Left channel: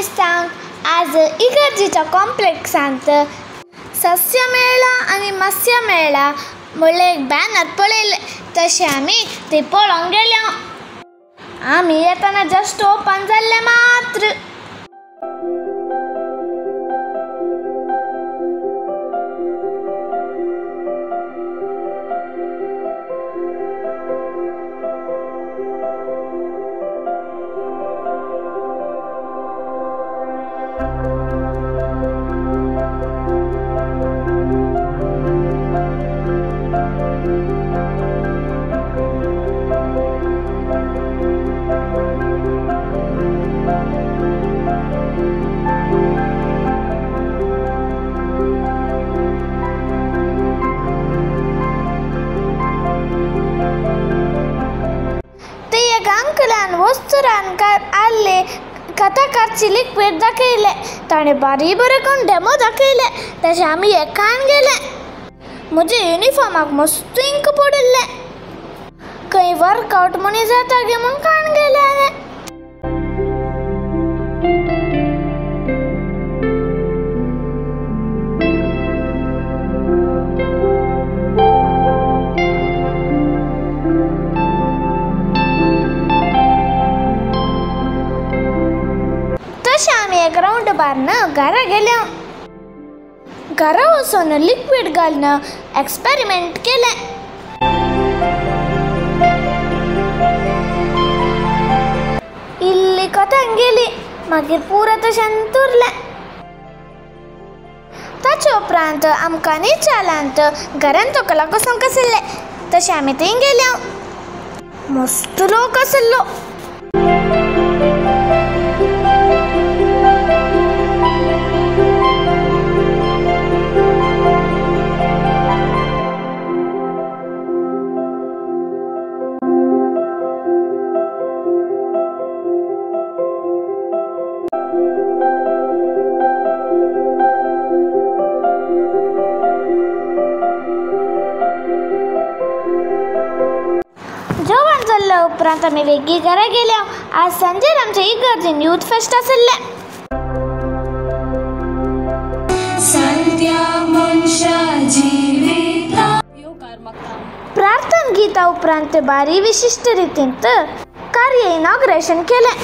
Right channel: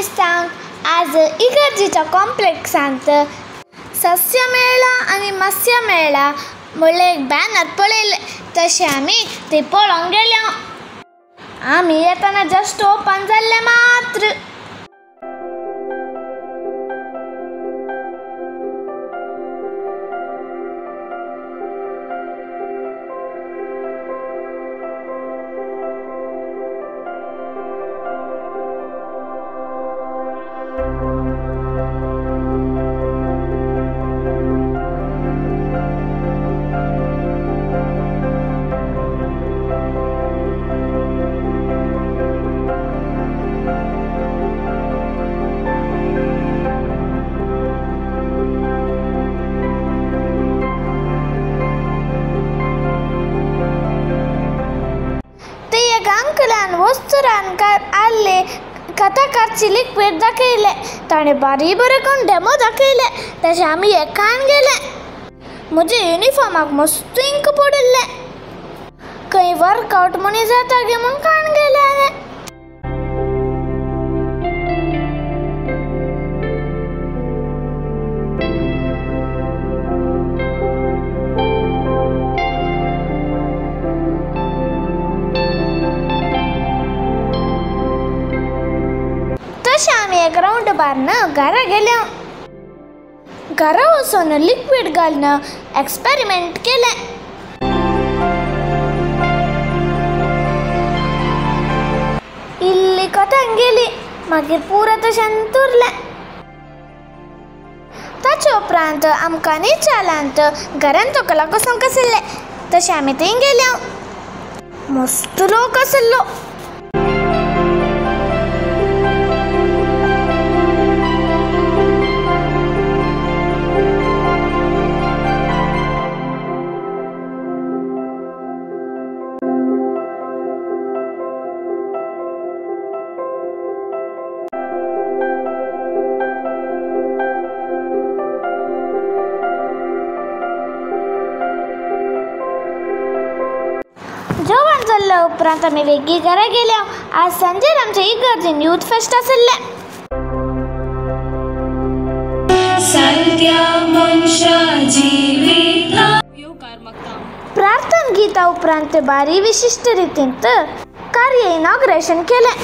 दिसतांक आज इगर्जीच्या कॉम्प्लेक्सांत सस्य मेळा आनी मत्स्य मेळा म्हणले एक बॅनर पळयले तशें आमी ते पळोवंक गेले. आमी येताना जस्ट ओपन जाल्ले मात्र. अंकलान वस्तुरान आले कथाकारची लिक्विड दाखयले. ताणें बारी बरें करून डेमो दाखयले तशें आमी एकान गेले. म्हज्या युनिफॉर्माक मस्त इंक पडिल्ले. खंय वर्कआउट म्हणी जाता गे म्हूण काण गेले हांवें. आमी एक राउंड मारून घरा गेले. घरा वचून लिक्विड घालून एक्सपेरिमेंट केले. इल्ली कथांक गेली मागीर पुरो तशेंच उरलें. ताचे उपरांत आमकां निचालांत घरान तकला कसोंक आशिल्ले तशें आमी थंय गेले. मस्त लोक आशिल्लो. जेवण जाल्ल्या उपरांत आमी वेगळी घरा गेल्या. आज सांजेर आमच्या इगर्जीन यूथ फेस्ट आशिल्लें. प्रार्थना गिता उपरांत बारी विशिश्ट रितीन कार्य इनॉग्रेशन केलें.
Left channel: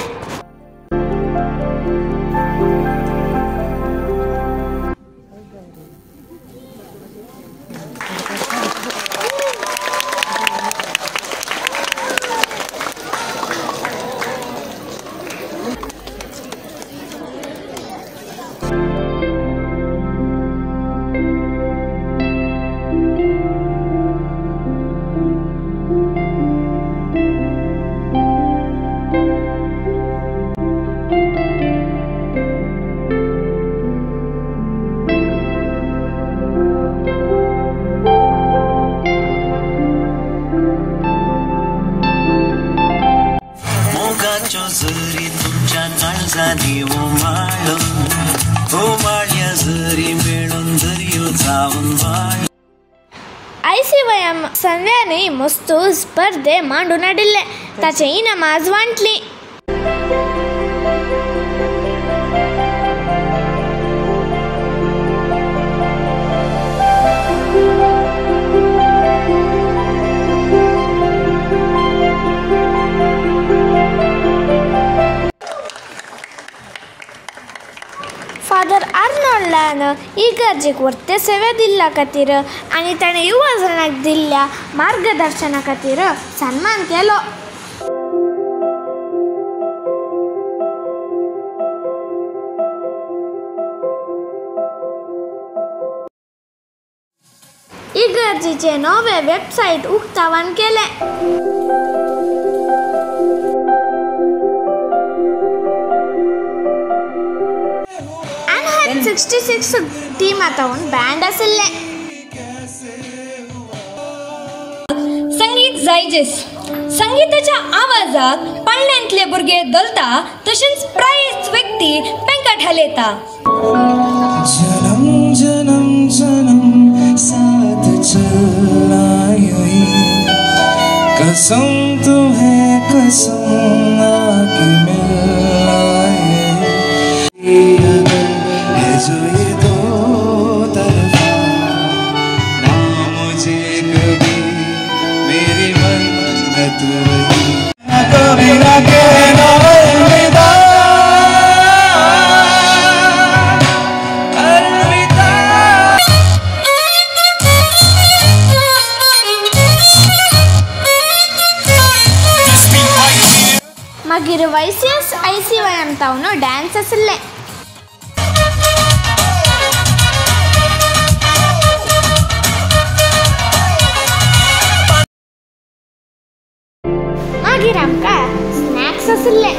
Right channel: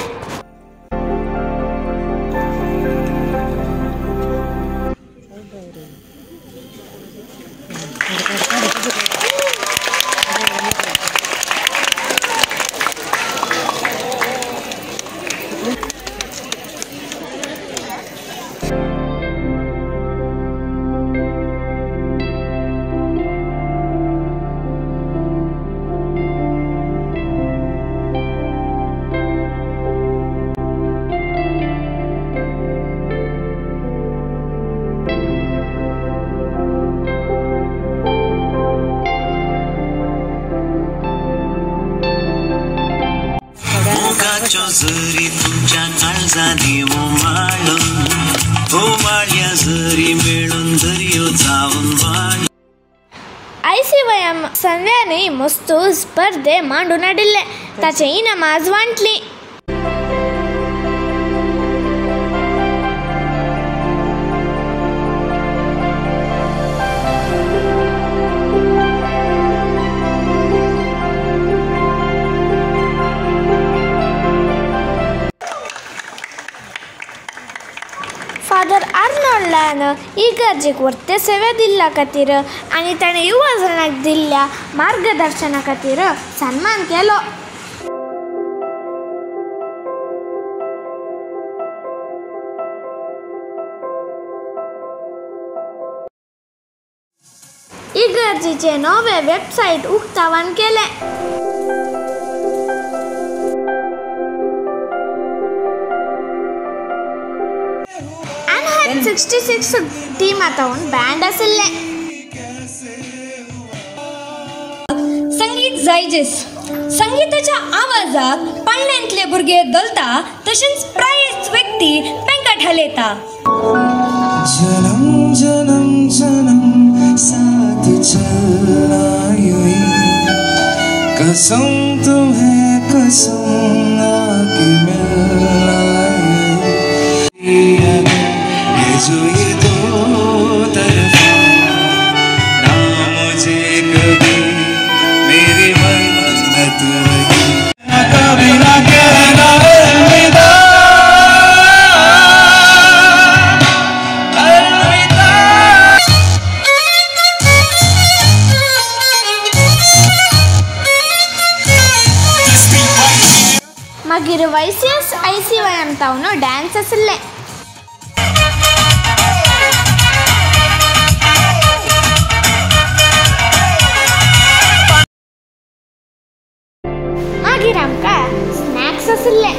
जरी तुमच्या काळजानी ओमाळ्या जरी मेळून दर्यो जाऊन वाळ. ICYM संध्यानी मस्त स्पर्धे मांडून हाडिल्ले. ताचे इनाम आज वांटली. फादर आर्नोल्डान इगर्जेक वर्ते सेवे दिल्ल्या खातीर आनी ताणें युवा जणांक दिल्ल्या मार्गदर्शना खातीर सन्मान केलो. इगर्जीचे नवे वेबसायट उक्तावण केलें. आणि 66 टीमांतून बँड आशिल्ले. संगीत जायजेस संगीताच्या आवाजात पाळण्यांतले भुरगे दलता तशेंच प्रायेस्त व्यक्ती पेंकाट हालयता. जन्म जन्म जन्म साथ चलना यूं कसम तुम्हें कसम आके मिलना तावन डान्स आसले मागीर आमकां स्नॅक्स आसले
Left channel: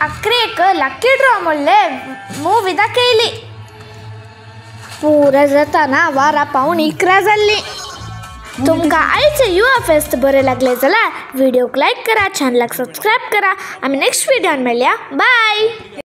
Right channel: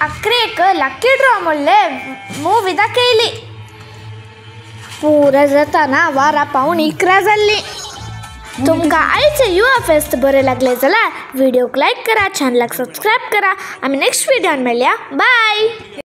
अकरेक लकी ड्रॉ म्हणलें मूवी दाखयली पुरा जाताना 12:15 जाल्ली तुमकां आयचे युवा फेस्त बरें लागलें जाल्यार व्हिडिओक लायक करा चॅनलाक सबस्क्रायब करा आमी नेक्स्ट व्हिडिओन मेळया बाय.